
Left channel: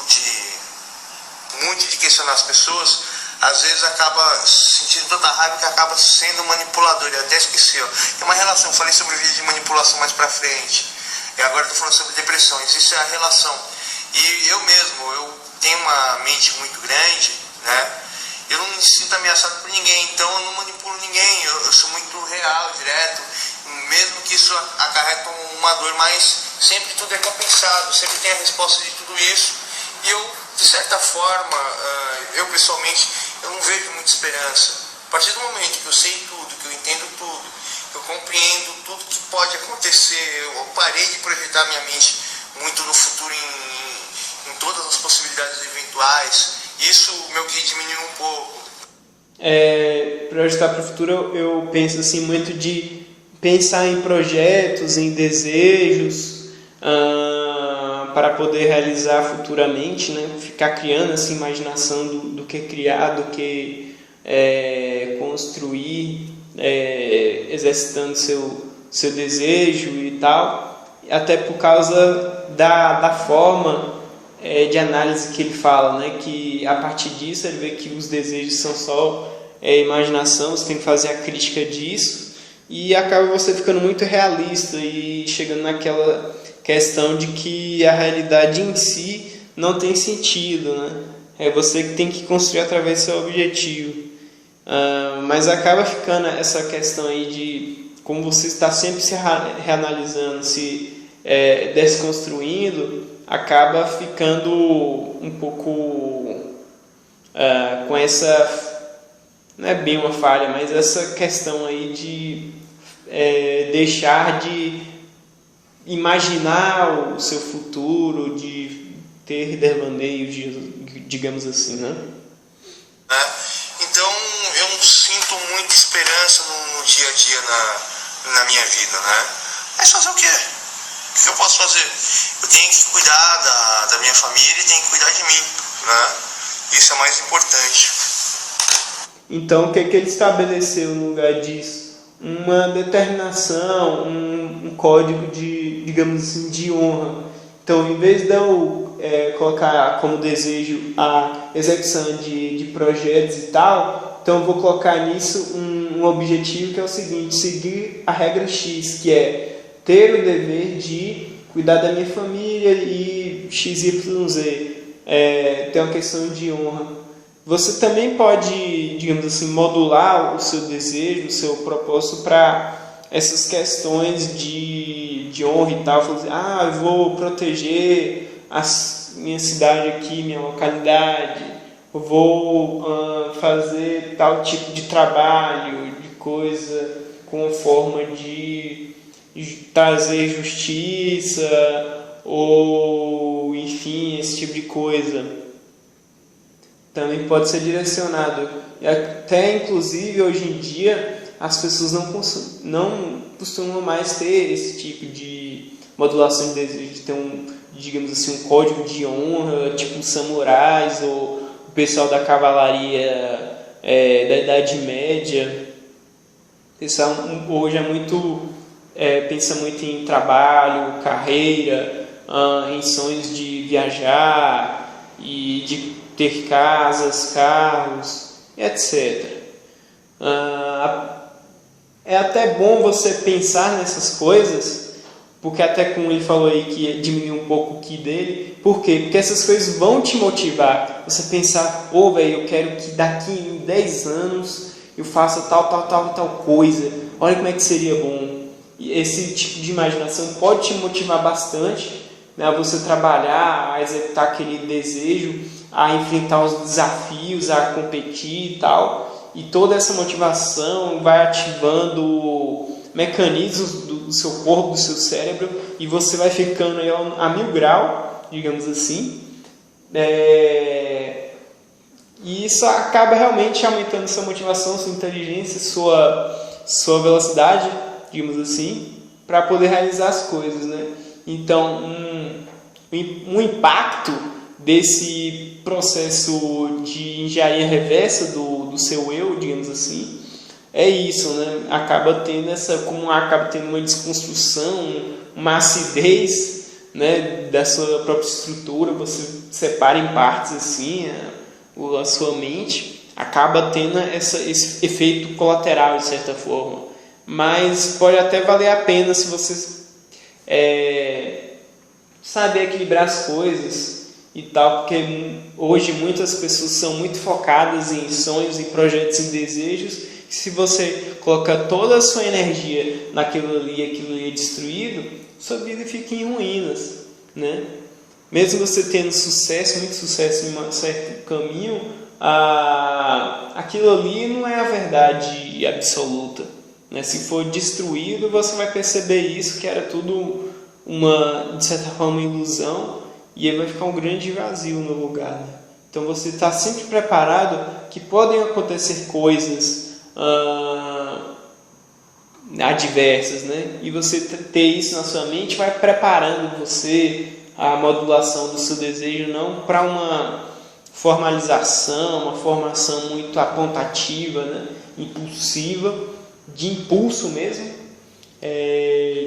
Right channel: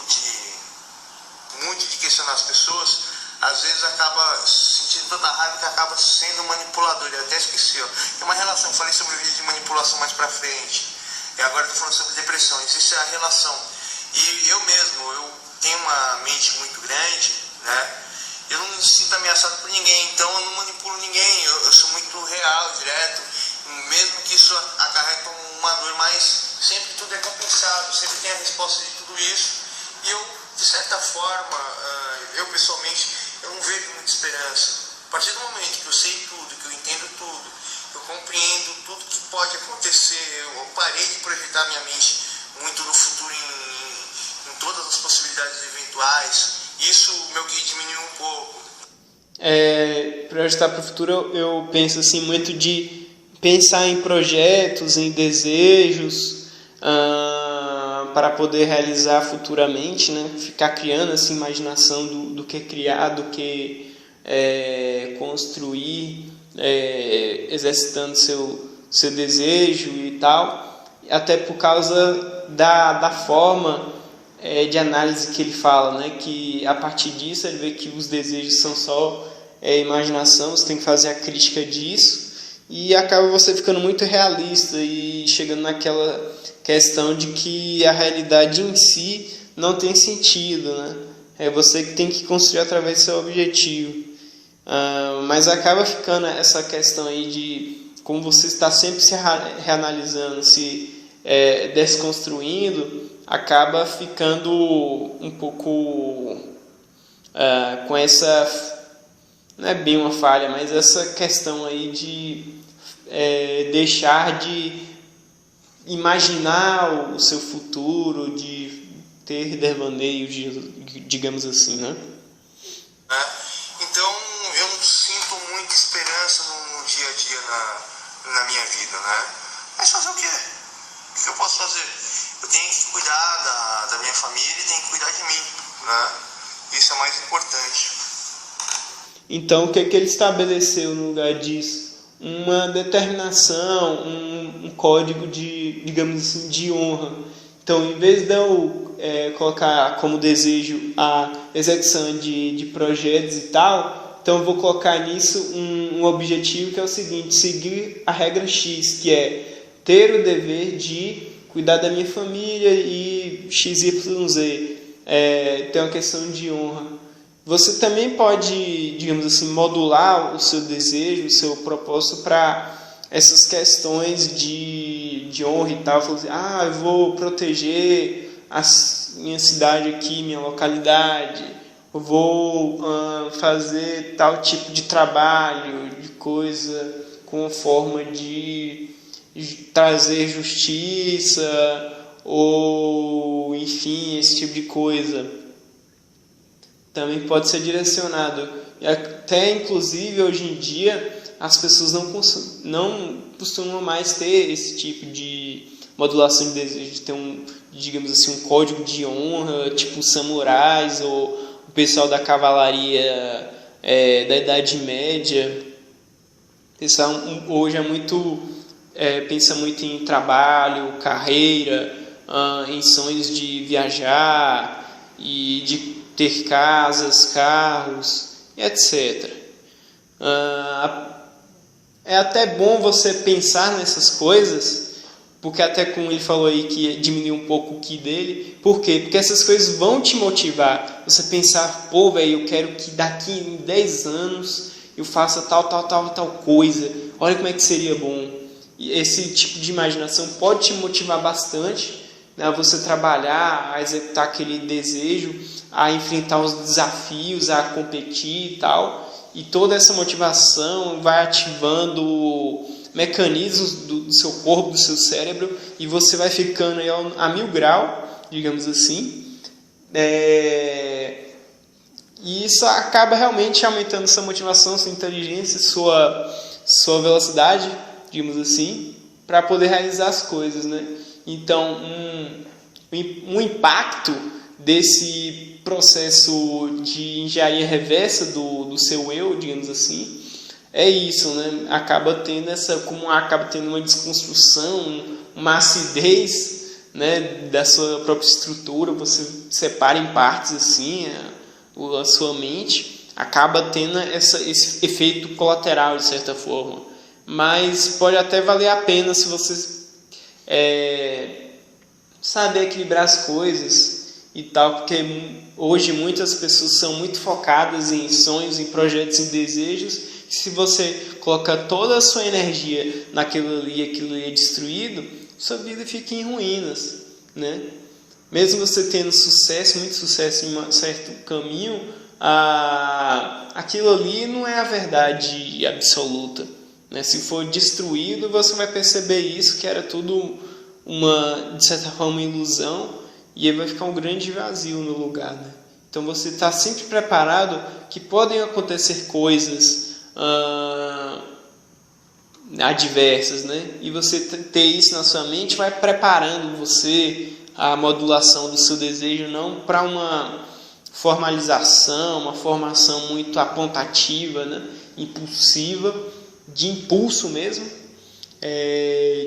muito de questionar as pessoas, às vezes acaba sentindo tanta raiva que acaba sendo manipulador. Eu até esqueci, tem uma relação, eu falei sobre o vídeo de manipulação mais pra frente, e agora eu tô falando sobre depressão. Existe a relação. E eu mesmo, eu tenho uma mente muito grande, né? Eu não me sinto ameaçado por ninguém, então eu não manipulo ninguém, eu sou muito real, direto, mesmo que isso acarrete uma dor, mas sempre tudo é compensado, sempre tem a resposta de tudo isso. E eu, de certa forma, eu pessoalmente, eu não vejo muita esperança. A partir do momento que eu sei tudo, que eu entendo tudo, eu compreendo tudo que pode acontecer, eu parei de projetar minha mente muito no futuro em todas as possibilidades eventuais, isso meu que diminui um pouco. Projetar para o futuro, eu penso assim muito de pensar em projetos, em desejos, para poder realizar futuramente, né? Ficar criando essa imaginação do que criar, do que construir, exercitando seu desejo e tal, até por causa da forma de análise que ele fala, né? Que a partir disso ele vê que os desejos são só imaginação, você tem que fazer a crítica disso, e acaba você ficando muito realista e chegando naquela questão de que a realidade em si não tem sentido, né? É você que tem que construir através do seu objetivo. Mas acaba ficando essa questão aí de como você está sempre se reanalisando, se desconstruindo, acaba ficando um pouco com essa, não é bem uma falha, mas essa questão aí de deixar de imaginar o seu futuro, de ter devaneios, digamos assim, né? Então eu sinto muita esperança no dia a dia na minha vida, né? Mas fazer o quê? O que eu posso fazer? Eu tenho que cuidar da minha família e tenho que cuidar de mim, né? Isso é o mais importante. Então, o que ele estabeleceu no lugar disso? Uma determinação, um código de, digamos assim, de honra. Então, em vez de eu colocar como desejo a execução de projetos e tal, então eu vou colocar nisso um objetivo que é o seguinte: seguir a regra X, que é ter o dever de cuidar da minha família e XYZ. Tem uma questão de honra. Você também pode, digamos assim, modular o seu desejo, o seu propósito para essas questões de honra e tal. Falar assim, eu vou proteger minha cidade aqui, minha localidade, eu vou fazer tal tipo de trabalho, de coisa, com forma de trazer justiça, ou enfim, esse tipo de coisa. Também pode ser direcionado. E até, inclusive, hoje em dia, as pessoas não costumam mais ter esse tipo de modulação de desejo, de ter digamos assim, um código de honra, tipo os samurais ou o pessoal da cavalaria da Idade Média. O pessoal hoje pensa muito em trabalho, carreira, em sonhos de viajar e de ter casas, carros, etc. É até bom você pensar nessas coisas, porque até como ele falou aí que diminuiu um pouco o ki dele. Por quê? Porque essas coisas vão te motivar. Você pensar, eu quero que daqui em 10 anos eu faça tal coisa. Olha como é que seria bom. E esse tipo de imaginação pode te motivar bastante, né, a você trabalhar, a executar aquele desejo, a enfrentar os desafios, a competir e tal. E toda essa motivação vai ativando mecanismos do seu corpo, do seu cérebro, e você vai ficando aí a 1000 graus, digamos assim. E isso acaba realmente aumentando sua motivação, sua inteligência, sua velocidade, digamos assim, para poder realizar as coisas, né? Então, um impacto desse processo de engenharia reversa do seu eu, digamos assim, é isso, né? Acaba tendo uma desconstrução, uma acidez, né, da sua própria estrutura. Você separa em partes assim a sua mente, acaba tendo esse efeito colateral de certa forma, mas pode até valer a pena se você saber equilibrar as coisas e tal, porque hoje muitas pessoas são muito focadas em sonhos, em projetos, em desejos. Se você coloca toda a sua energia naquilo ali e aquilo ali é destruído, sua vida fica em ruínas, né? Mesmo você tendo sucesso, muito sucesso em um certo caminho, aquilo ali não é a verdade absoluta, né? Se for destruído, você vai perceber isso, que era tudo de certa forma, uma ilusão, e aí vai ficar um grande vazio no lugar, né? Então você está sempre preparado que podem acontecer coisas adversas, né? E você ter isso na sua mente vai preparando você, a modulação do seu desejo, não para uma formalização, uma formação muito apontativa, né? Impulsiva, de impulso mesmo,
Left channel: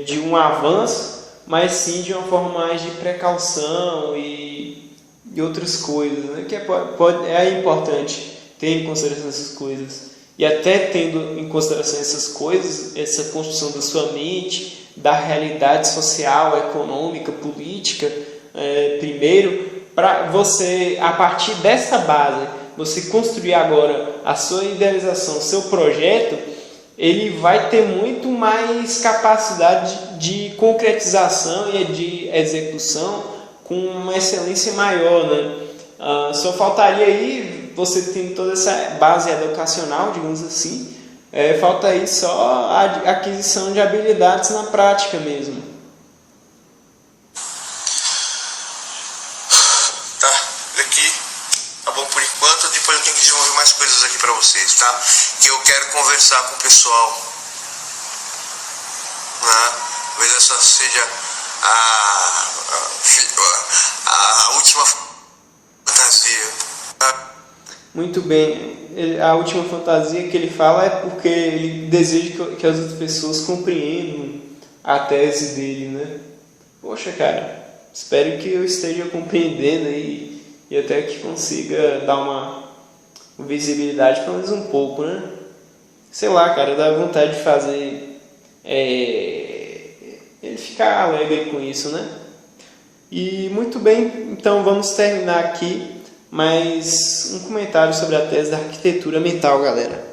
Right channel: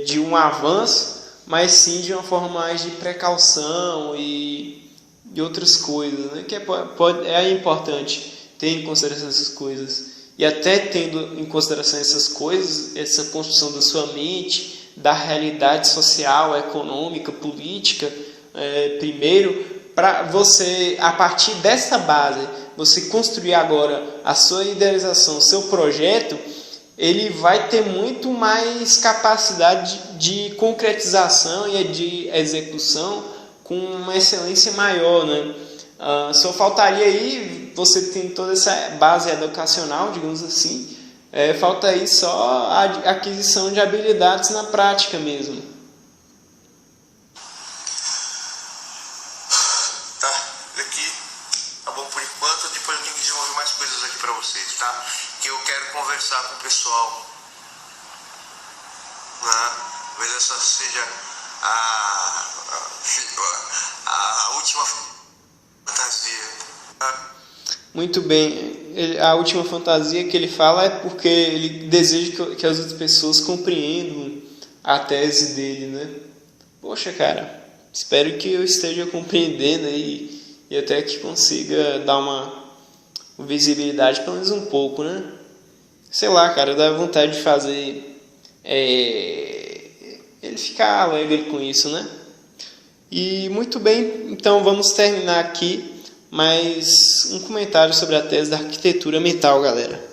de um avanço, mas sim de uma forma mais de precaução e e outras coisas, né? Que é importante ter em consideração essas coisas. E até tendo em consideração essas coisas, essa construção da sua mente, da realidade social, econômica, política, primeiro, para você, a partir dessa base, você construir agora a sua idealização, o seu projeto, ele vai ter muito mais capacidade de concretização e de execução com uma excelência maior, né? Só faltaria aí, você tem toda essa base educacional, digamos assim, falta aí só a aquisição de habilidades na prática mesmo. Tá, daqui tá bom por enquanto, depois eu tenho que desenvolver mais coisas aqui para vocês, tá? Que eu quero conversar com o pessoal, né? Talvez essa seja a última fantasia. Muito bem, a última fantasia que ele fala é porque ele deseja que as outras pessoas compreendam a tese dele, né? Poxa, cara, espero que eu esteja compreendendo aí e até que consiga dar uma visibilidade, pelo menos um pouco, né? Sei lá, cara, dá vontade de fazer ele ficar alegre com isso, né? E muito bem, então vamos terminar aqui mais um comentário sobre a tese da arquitetura mental, galera.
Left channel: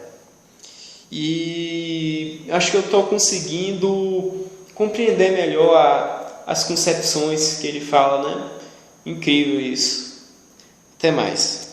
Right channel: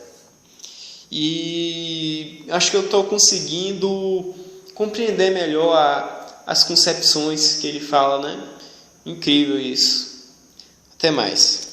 E acho que eu estou conseguindo compreender melhor as concepções que ele fala, né? Incrível isso. Até mais.